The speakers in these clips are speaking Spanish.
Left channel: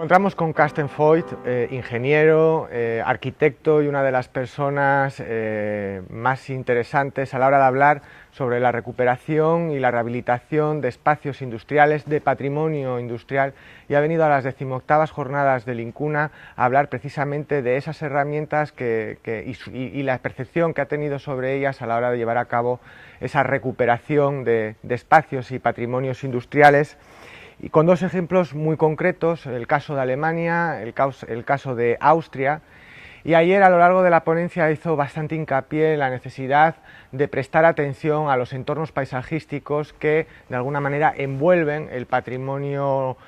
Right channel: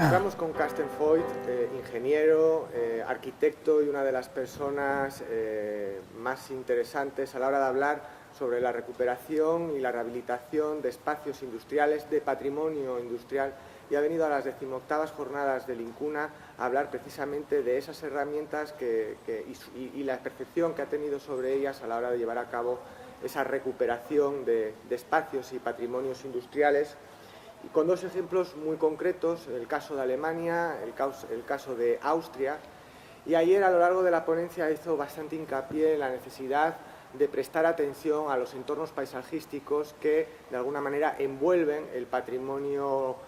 encontramos con Carsten Voigt, ingeniero, arquitecto y una de las personas más interesantes a la hora de hablar sobre la recuperación y la rehabilitación de espacios industriales, de patrimonio industrial, y ha venido a las 18ª jornadas del INCUNA a hablar precisamente de esas herramientas y la percepción que ha tenido sobre ellas a la hora de llevar a cabo esa recuperación de espacios y patrimonios industriales. Y con dos ejemplos muy concretos, el caso de Alemania, el caso de Austria. Y ayer a lo largo de la ponencia hizo bastante hincapié en la necesidad de prestar atención a los entornos paisajísticos que de alguna manera envuelven el patrimonio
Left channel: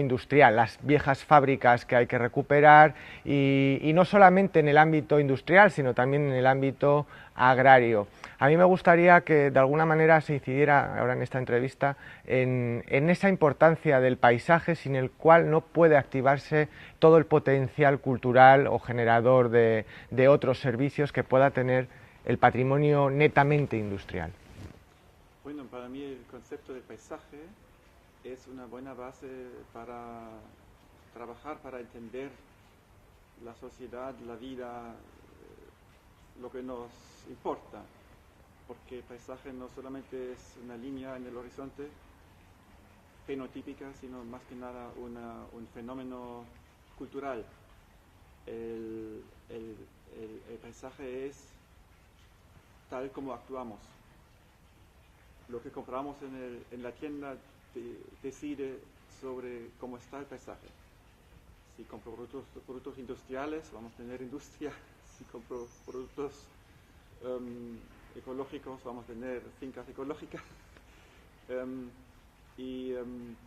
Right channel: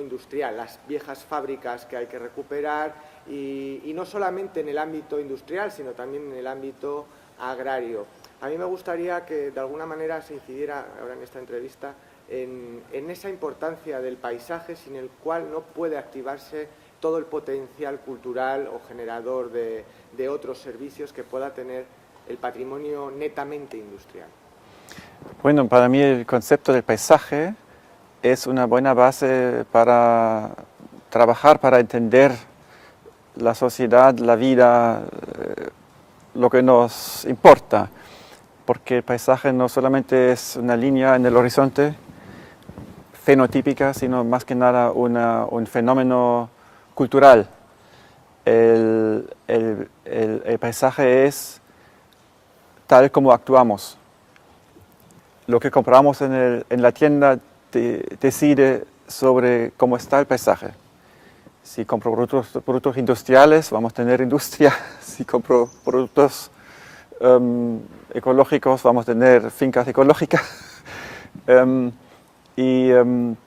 industrial, las viejas fábricas que hay que recuperar y no solamente en el ámbito industrial, sino también en el ámbito agrario. A mí me gustaría que de alguna manera se incidiera ahora en esta entrevista en esa importancia del paisaje sin el cual no puede activarse todo el potencial cultural o generador de otros servicios que pueda tener el patrimonio netamente industrial. Bueno, para mí el concepto del paisaje es una buena base para trabajar, para entender la sociedad, la vida, lo que nos importa. Porque el paisaje no solamente es una línea en el horizonte fenotípica, sino más que nada un fenómeno cultural. El paisaje es tal como actuamos. Lo que compramos en la tienda decide sobre cómo está el paisaje. Si compro productos industriales, vamos a tener industria. Si compro productos ecológicos, vamos a tener fincas ecológicas.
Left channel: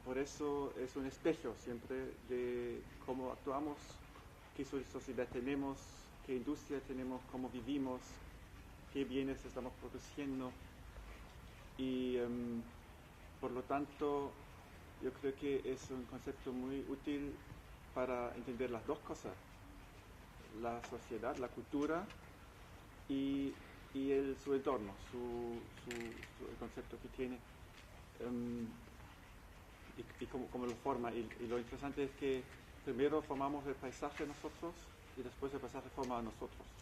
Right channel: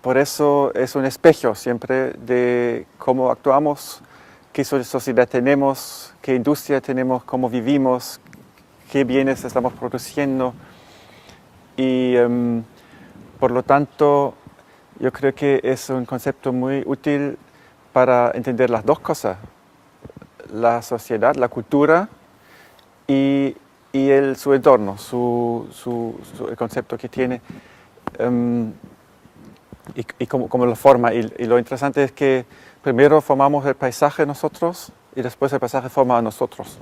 Por eso es un espejo siempre de cómo actuamos, qué sociedad tenemos, qué industria tenemos, cómo vivimos, qué bienes estamos produciendo. Y por lo tanto, yo creo que es un concepto muy útil para entender las dos cosas, la sociedad, la cultura y su entorno, el concepto que tiene y cómo lo forma. Y lo interesante es que primero formamos el paisaje nosotros y después el paisaje forma a nosotros.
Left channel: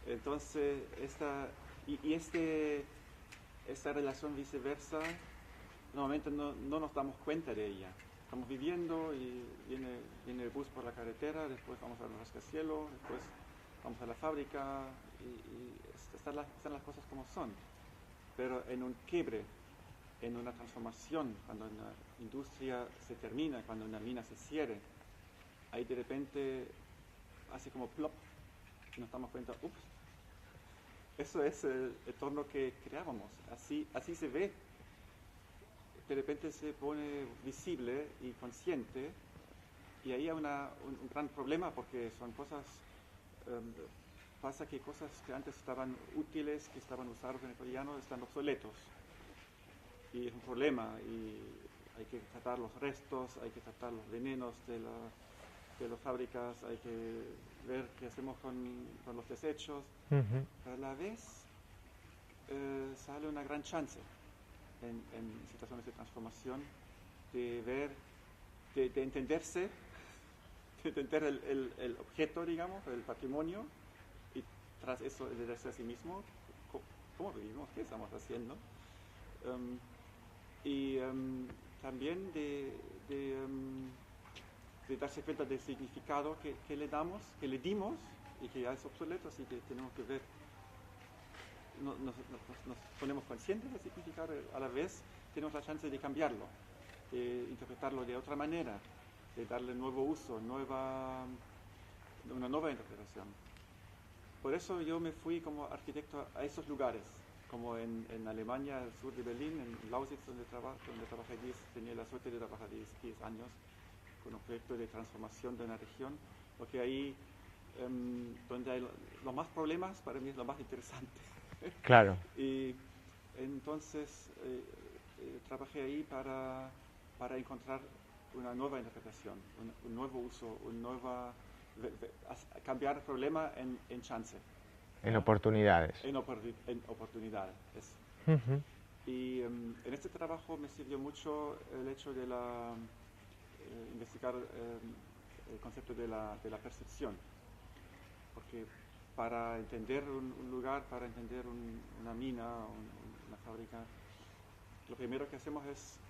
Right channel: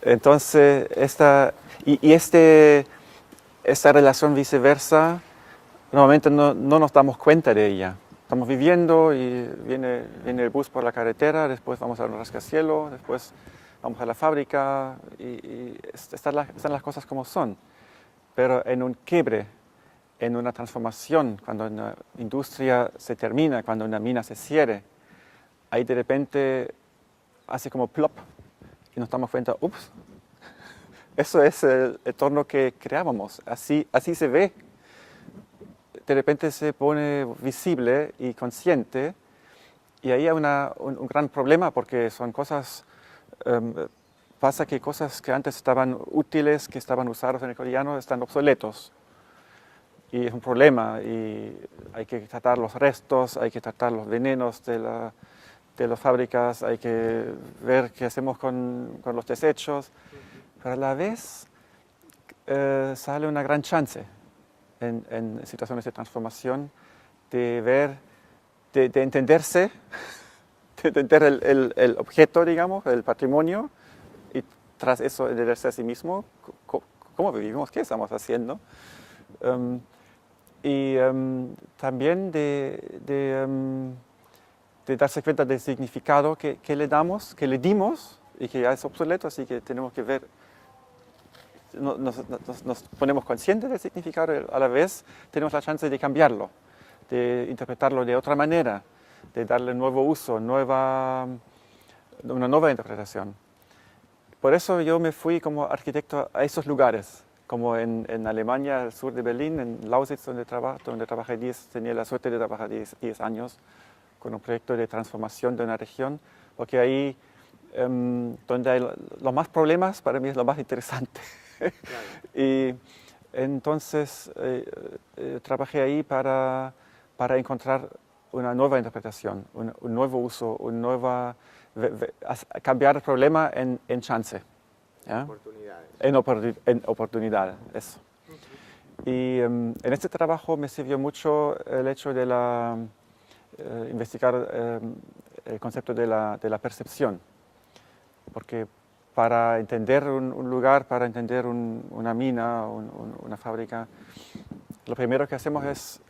Entonces, esta relación viceversa, normalmente no nos damos cuenta de ella. Estamos viviendo y viene el bus por la carretera, después vamos al rascacielos, después vamos a la fábrica y están las cosas como son. Pero en un quiebre, en una transformación, cuando una industria se termina, cuando una mina se cierre, ahí de repente hace como plop y nos damos cuenta, ups, eso es el entorno que creábamos, así se ve. De repente se pone visible y consciente y ahí hay un gran problema porque son cosas, pasa que cosas que antes estaban útiles, que estaban usados en el cotidiano, están obsoletos. Y es un problema y hay que tratar los restos, hay que tratar los venenos de las fábricas, hay que ver qué hacemos con los desechos. Pero a la vez sale una gran chance en situaciones de transformación de ver, de entenderse, de entender el objeto, digamos, el patrimonio, y tras eso entenderse a sí mismo, cómo vivimos, qué estamos haciendo. También de darse cuenta del significado que le damos, que le dimos y que ya es obsoleto, así que tenemos que ver, nos ponemos conscientes del significado, a la vez tenemos la chance de cambiarlo, de interpretarlo de otra manera, de darle nuevo uso, una nueva interpretación. Por eso yo me fui como arquitecto a esos lugares, como en Alemania, al sur de Berlín, en Lausitz, donde trabajé tenía la suerte de trabajar 10 años con un proyecto de transformación de una región, porque ahí donde hay los más problemas, para mí es lo más interesante. Claro. Y entonces trabajé ahí para encontrar una nueva interpretación, un nuevo uso, cambiar el problema en chance. En oportunidades. En oportunidades, eso. Y en este trabajo me sirvió mucho el hecho de investigar el concepto de la percepción, porque para entender un lugar, para entender una mina, una fábrica, lo primero que hacemos es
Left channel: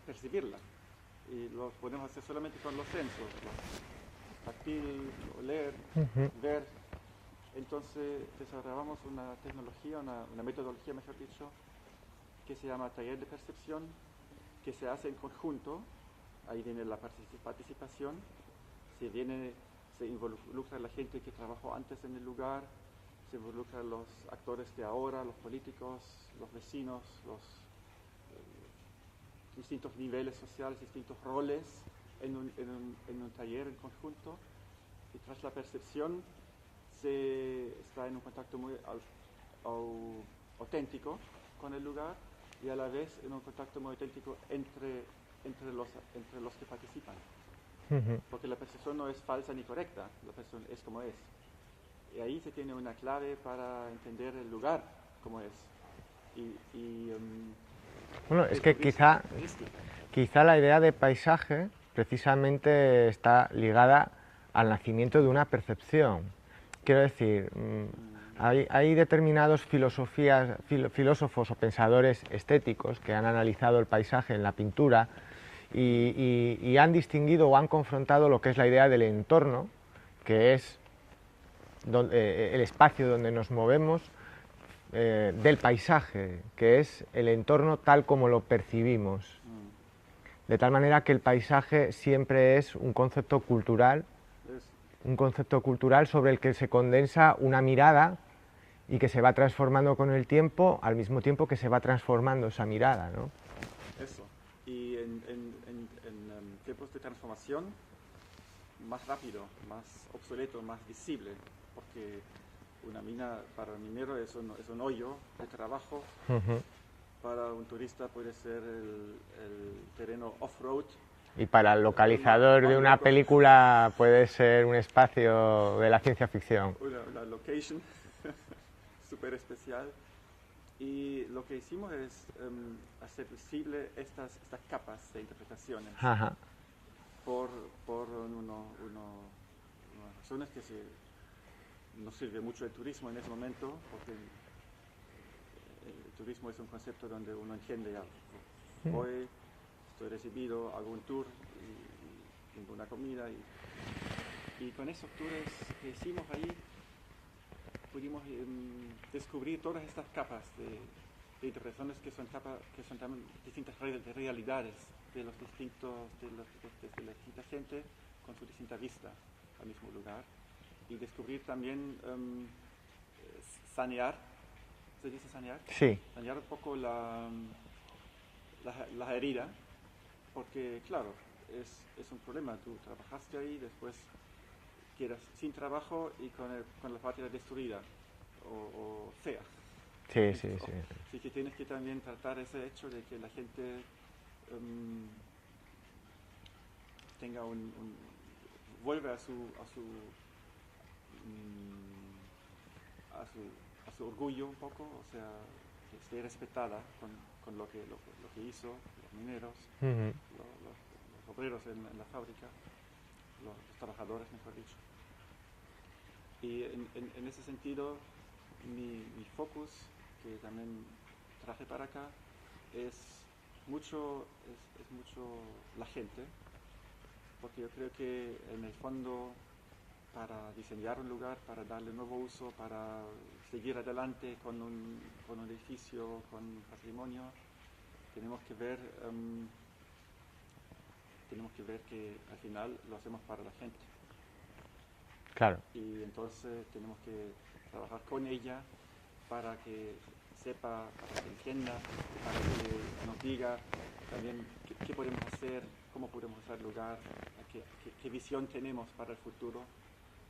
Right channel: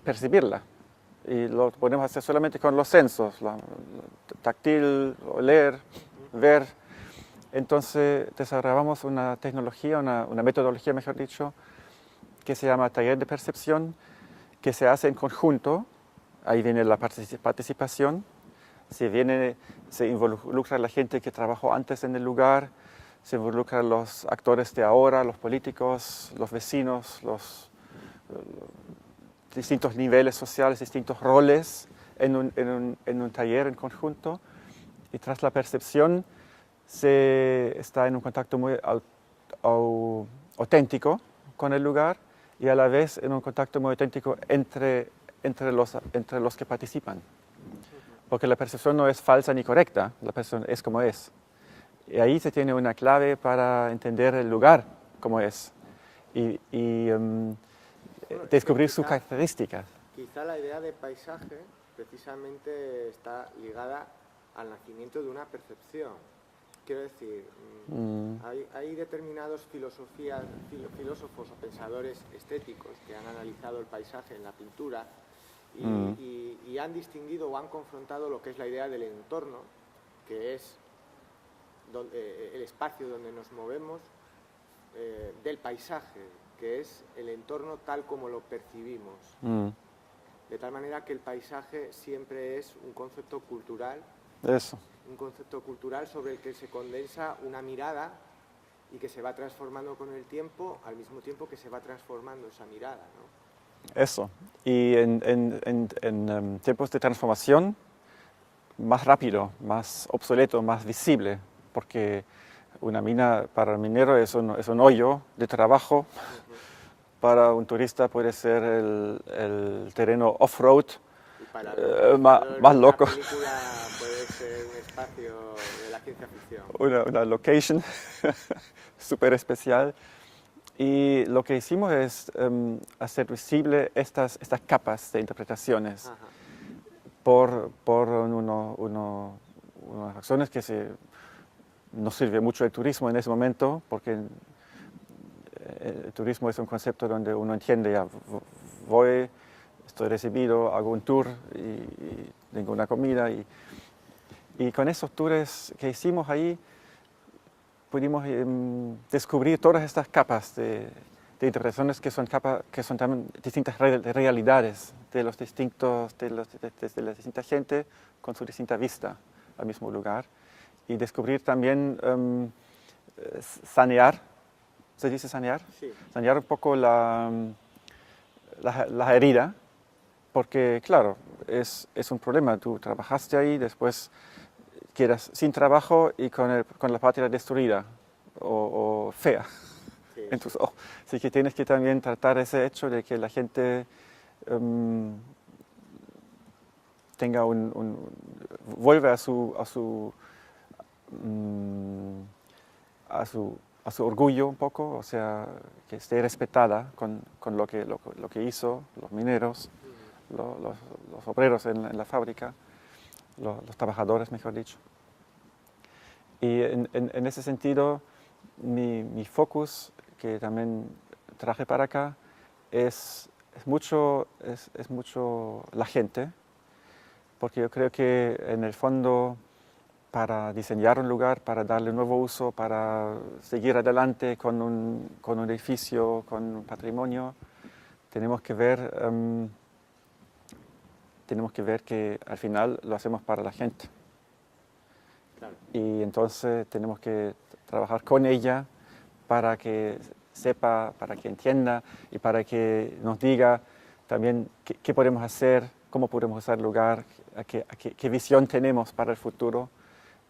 percibirla. Y lo podemos hacer solamente con los sensos, táctil, oler, ver. Entonces desarrollamos una tecnología, una metodología, mejor dicho, que se llama taller de percepción, que se hace en conjunto. Ahí viene la participación, se involucra la gente que trabajó antes en el lugar, se involucran los actores de ahora, los políticos, los vecinos, los distintos niveles sociales, distintos roles en un taller en conjunto. Y tras la percepción se está en un contacto muy auténtico con el lugar y a la vez en un contacto muy auténtico entre los que participan. Porque la percepción no es falsa ni correcta, la percepción es como es. Y ahí se tiene una clave para entender el lugar como es y Bueno, es que descubrir sus características. Quizá la idea de paisaje precisamente está ligada al nacimiento de una percepción. Quiero decir, hay determinados filósofos o pensadores estéticos que han analizado el paisaje en la pintura y han distinguido o han confrontado lo que es la idea del entorno, que es el espacio donde nos movemos, del paisaje, que es el entorno tal como lo percibimos. De tal manera que el paisaje siempre es un concepto cultural. Eso. Un concepto cultural sobre el que se condensa una mirada y que se va transformando con el tiempo, al mismo tiempo que se va transformando esa mirada, ¿no? Eso. Y en tiempos de transformación, más rápido, más obsoleto, más visible, porque una mina para el minero es un hoyo de trabajo. Para un turista puede ser el terreno off-road. Y para el localizador más de una loco. película puede ser un espacio de la ciencia ficción. Una location súper especial. Y lo que hicimos es hacer visible estas capas de interpretaciones por unas razones que nos sirve mucho el turismo en ese momento, porque el turismo es un concepto donde uno entiende, ya voy, estoy recibido, hago un tour y tengo una comida. Y con esos tours que hicimos ahí, pudimos descubrir todas estas capas de interpretaciones que son también distintas realidades de las distintas gente con su distinta vista al mismo lugar. Y descubrir también sanear, ¿se dice sanear? Sí. Sanear un poco la herida, porque claro, es un problema. Tú trabajaste ahí, después quedas sin trabajo y con la patria destruida o fea en tus ojos. Así que tienes que también tratar ese hecho de que la gente tenga vuelve a su orgullo un poco, o sea, que esté respetada con lo que hizo los mineros, los obreros en la fábrica, los trabajadores, mejor dicho. Y en ese sentido, mi focus, que también traje para acá, es mucho la gente, porque yo creo que en el fondo, para diseñar un lugar, para darle un nuevo uso, para seguir adelante con un edificio, con un patrimonio, tenemos que ver que al final lo hacemos para la gente. Claro. Y entonces tenemos que trabajar con ella para que sepa, para que entienda y para que nos diga también qué podemos hacer, cómo podemos usar el lugar, qué visión tenemos para el futuro.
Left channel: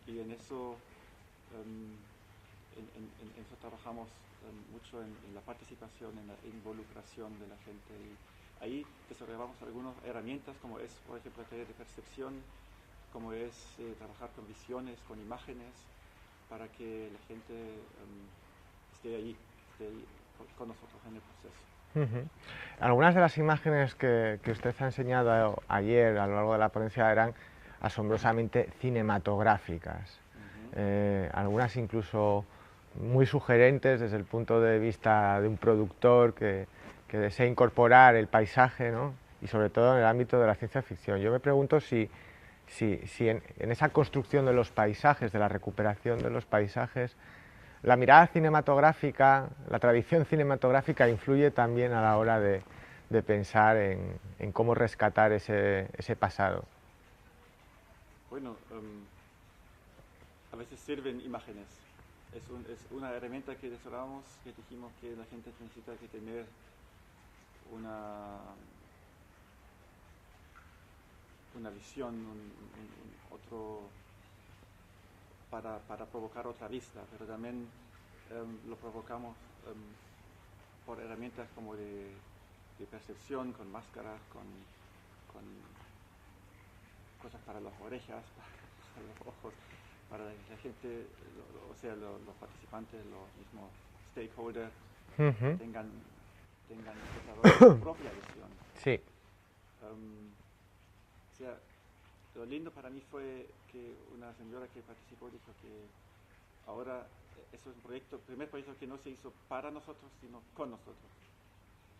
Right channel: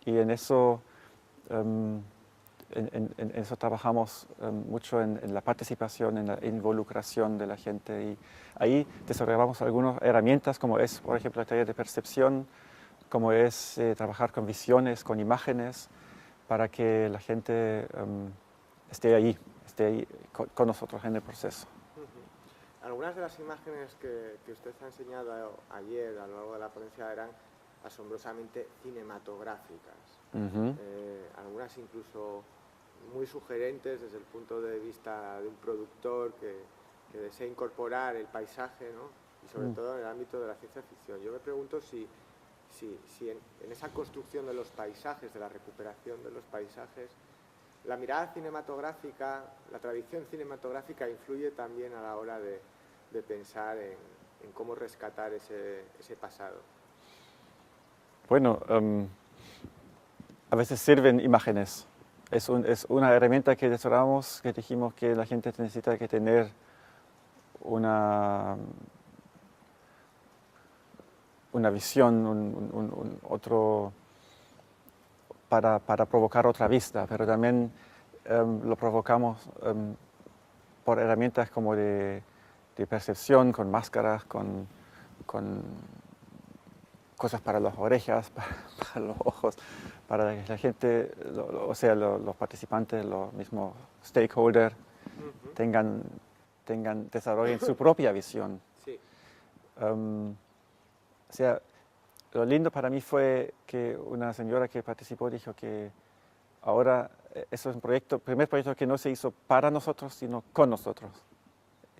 Y en eso, en eso trabajamos mucho en la participación, en la involucración de la gente. Y ahí desarrollamos algunas herramientas, como es, por ejemplo, el taller de percepción, como es trabajar con visiones, con imágenes, para que la gente esté ahí con nosotros en el proceso. Algunas de las imágenes que usted ha enseñado ayer a lo largo de la ponencia eran asombrosamente cinematográficas, algunas incluso muy sugerentes desde el punto de vista de un productor que desea incorporar el paisaje, ¿no? Y sobre todo en el ámbito de la ciencia ficción. Yo me pregunto si en esa construcción de los paisajes, de la recuperación de los paisajes, la mirada cinematográfica, la tradición cinematográfica influye también a la hora de pensar en cómo rescatar ese pasado. Bueno, a veces sirven imágenes. Es una herramienta que desarrollamos, que dijimos que la gente necesita que tener una visión, otro, para provocar otra vista, pero también lo provocamos por herramientas como de percepción, con máscaras, con cosas para las orejas, para los ojos, para que la gente, o sea, los participantes, los mismos stakeholders, tengan desarrollen su propia visión. Sí. O sea, lo lindo para mí fue que una señora que participó dijo que ahora eso es un proyecto, primer proyecto que no se hizo para nosotros, sino con nosotros.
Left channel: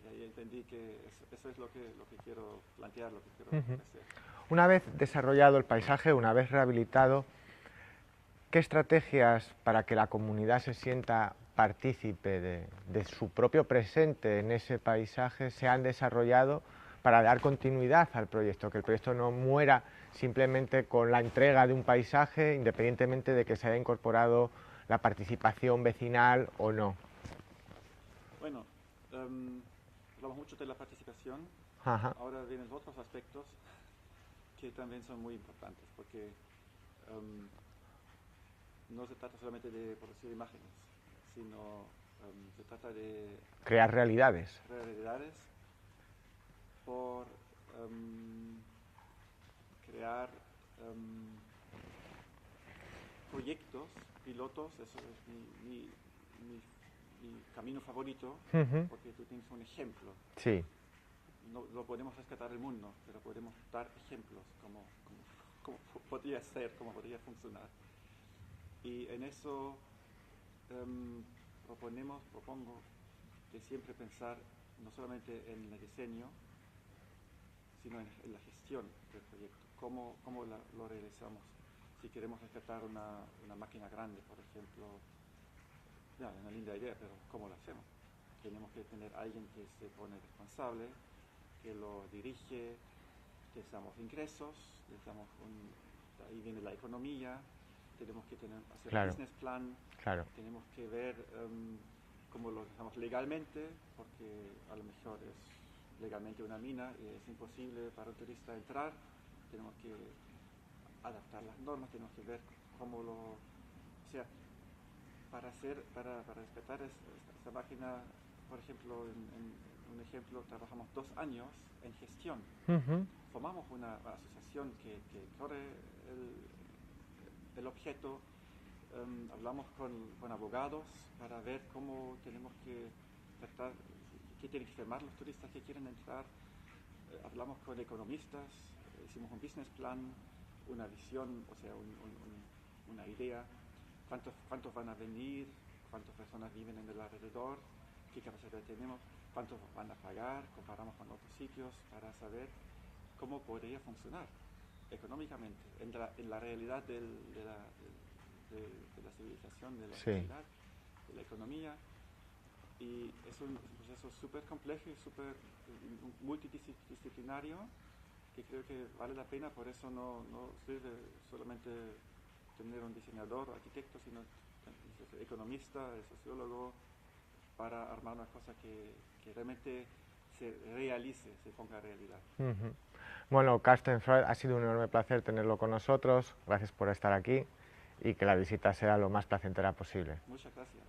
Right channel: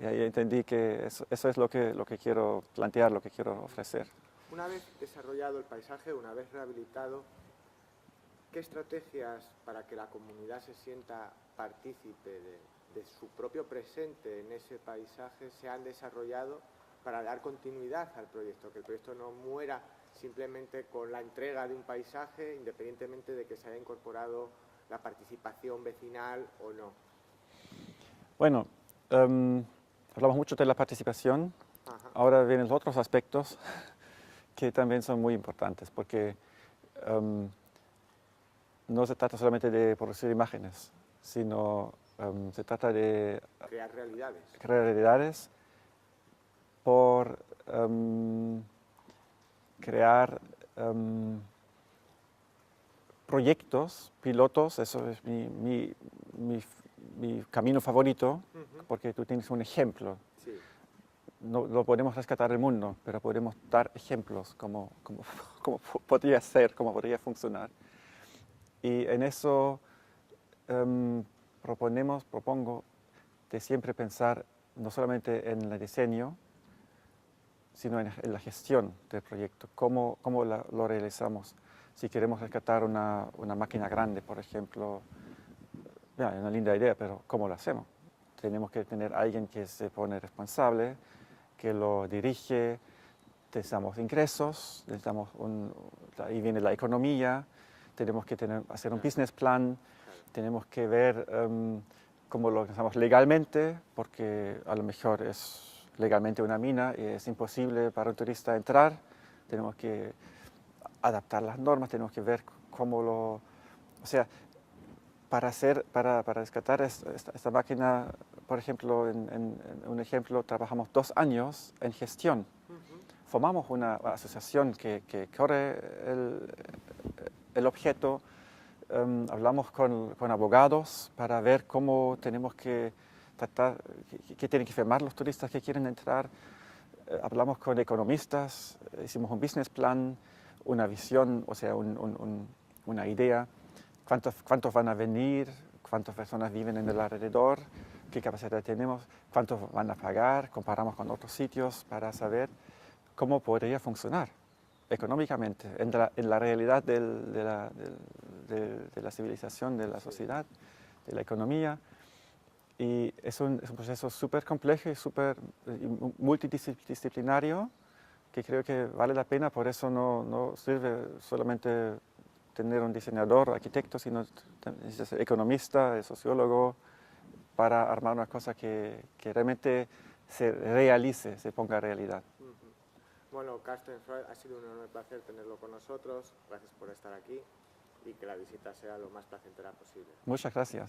Y ahí entendí que eso es lo que quiero plantear, lo que quiero ofrecer. Una vez desarrollado el paisaje, una vez rehabilitado, ¿qué estrategias para que la comunidad se sienta partícipe de su propio presente en ese paisaje se han desarrollado para dar continuidad al proyecto? Que el proyecto no muera simplemente con la entrega de un paisaje, independientemente de que se haya incorporado la participación vecinal o no. Bueno, hablamos mucho de la participación. Ajá. Ahora vienen los otros aspectos que también son muy importantes, porque no se trata solamente de producir imágenes, sino se trata de crear realidades. Crear realidades por crear proyectos, pilotos. Eso es mi camino favorito, porque tú tienes un ejemplo. Sí. No podemos rescatar el mundo, pero podemos dar ejemplos cómo podría ser, cómo podría funcionar. Y en eso propongo de siempre pensar no solamente en el diseño, sino en la gestión del proyecto, cómo lo realizamos. Si queremos rescatar una máquina grande, por ejemplo, es una linda idea, pero ¿cómo lo hacemos? Tenemos que tener alguien que se pone responsable, que lo dirige, necesitamos ingresos, ahí viene la economía, tenemos que hacer un business plan, tenemos que ver cómo lo hacemos legalmente, porque a lo mejor es legalmente una mina y es imposible para un turista entrar, tenemos que adaptar las normas, tenemos que ver o sea, para rescatar esta máquina, por ejemplo, en un ejemplo, trabajamos 2 años en gestión. Formamos una asociación que corre el objeto, hablamos con abogados para ver cómo tenemos que tratar, qué tienen que firmar los turistas que quieren entrar. Hablamos con economistas, hicimos un business plan, una visión, o sea, una idea. ¿Cuántos van a venir? ¿Cuántas personas viven en el alrededor? ¿Qué capacidad tenemos? ¿Cuántos van a pagar? Comparamos con otros sitios para saber cómo podría funcionar económicamente en la realidad de la civilización, de la sociedad, de la economía. Y es un proceso súper complejo y súper multidisciplinario que creo que vale la pena. Por eso no sirve solamente tener un diseñador, arquitecto, sino ser economista, sociólogo, para armar una cosa que realmente se realice, se ponga en realidad. Bueno, Carsten Freud, ha sido un enorme placer tenerlo con nosotros. Gracias por estar aquí y que la visita sea lo más placentera posible. Muchas gracias.